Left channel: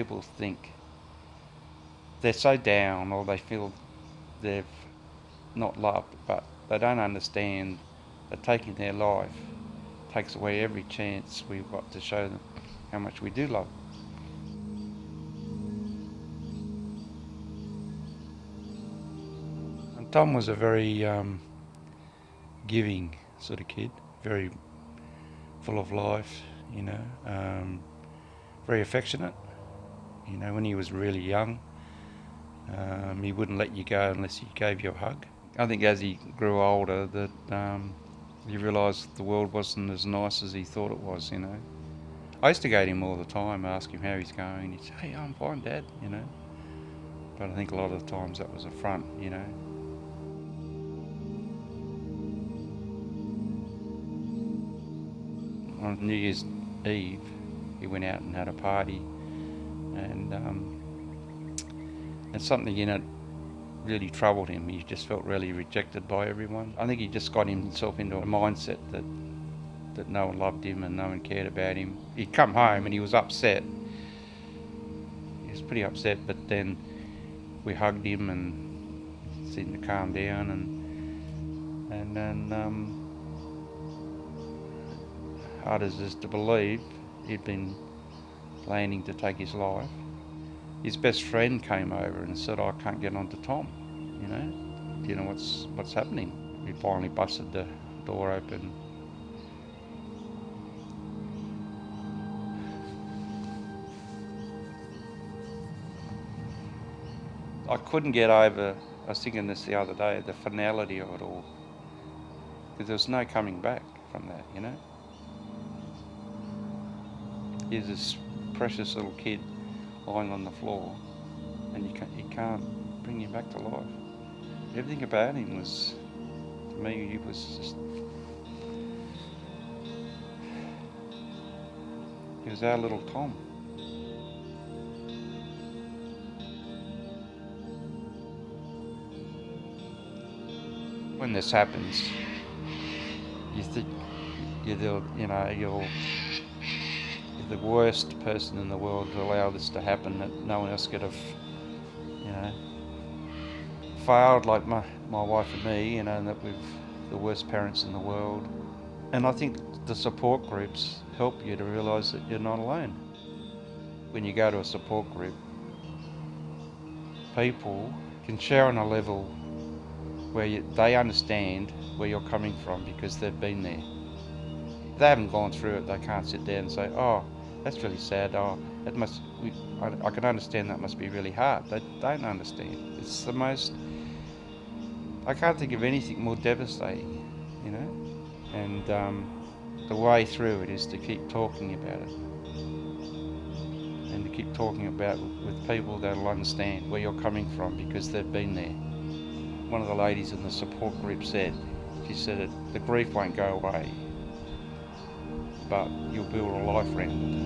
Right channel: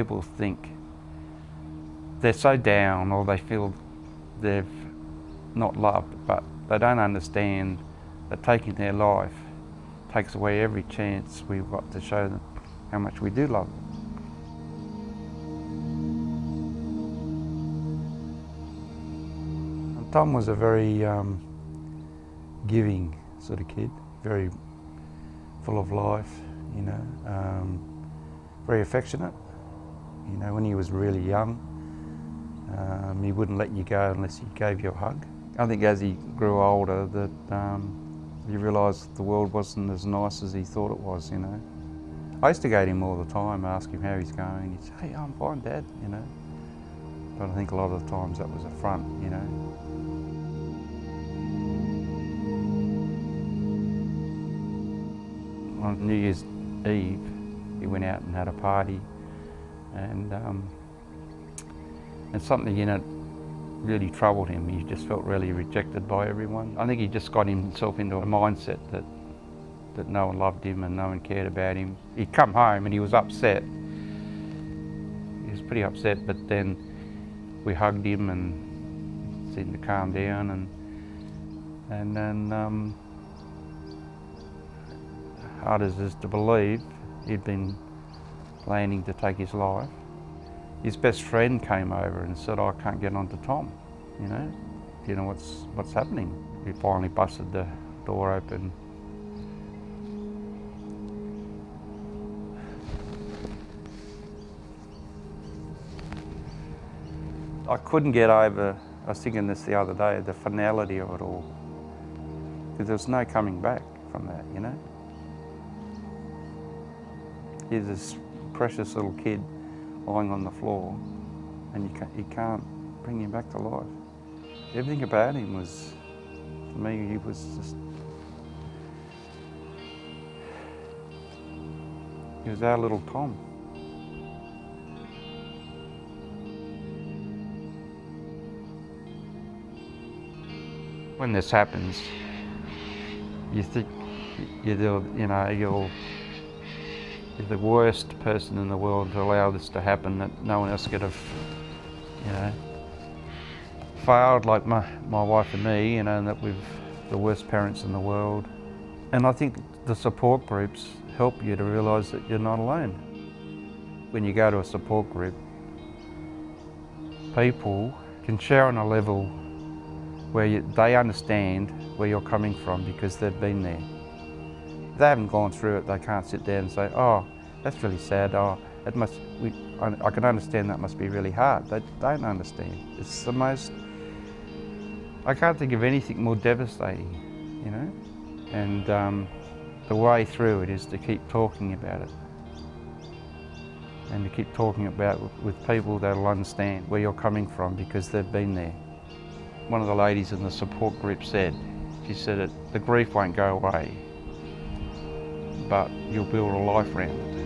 people think they're so down or they feel they've not loved, but they don't understand that taking their life takes away every chance we've got to show them how much we do love them. Tom was a very giving sort of kid, very full of life, you know, very affectionate. You know, when he was really young, he wouldn't let you go unless he gave you a hug. I think as he grew older that he realised the world wasn't as nice as he thought it was, you know. I used to go to him all the time, ask him how he's going. He'd say, "Hey, I'm fine, Dad," you know. But I think a lot of the times that was a front, you know. On New Year's Eve, he went out and had a party, and something in it really troubled him. He just felt really rejected by everyone. I think he just got himself into a mindset that no one loved him and no one cared about him. He'd come home and he was upset. He was pretty upset, but then we hugged him and seemed to calm down, and then hard as it is to believe, he'd been planning to take his life. His best friend came over and said, "I can't get on to Tom, you know, do you know what's happening?" We finally busted the door open. I couldn't get over, I was thinking this the other day, the finality of it all, because there was no coming back from that, you know. He's this precious little kid lying on the floor, and you can't bring him back to life. Everything about him was, to me, he was just, he was our little Tom. When this happens, you think you're the worst person in the world to allow this to happen, that no one else could have, you know, failed like my wife and me, you know, and that we've the worst parents in the world. And I think the support groups help you to realise that you're not alone. When you go to a support group, people can share on a level where they understand where you're coming from because they've been there. If they haven't gone through it, they can't sit there and say, "Oh, that's really sad. Oh, I can understand that must be really hard." They don't understand. It's the most, I can't think of anything more devastating, you know? And the way through it is to keep talking about it, and to keep talking about it with people that'll understand where you're coming from because they've been there. One of the ladies in the support group said, she said, "The grief won't go away, but you'll build a life around it."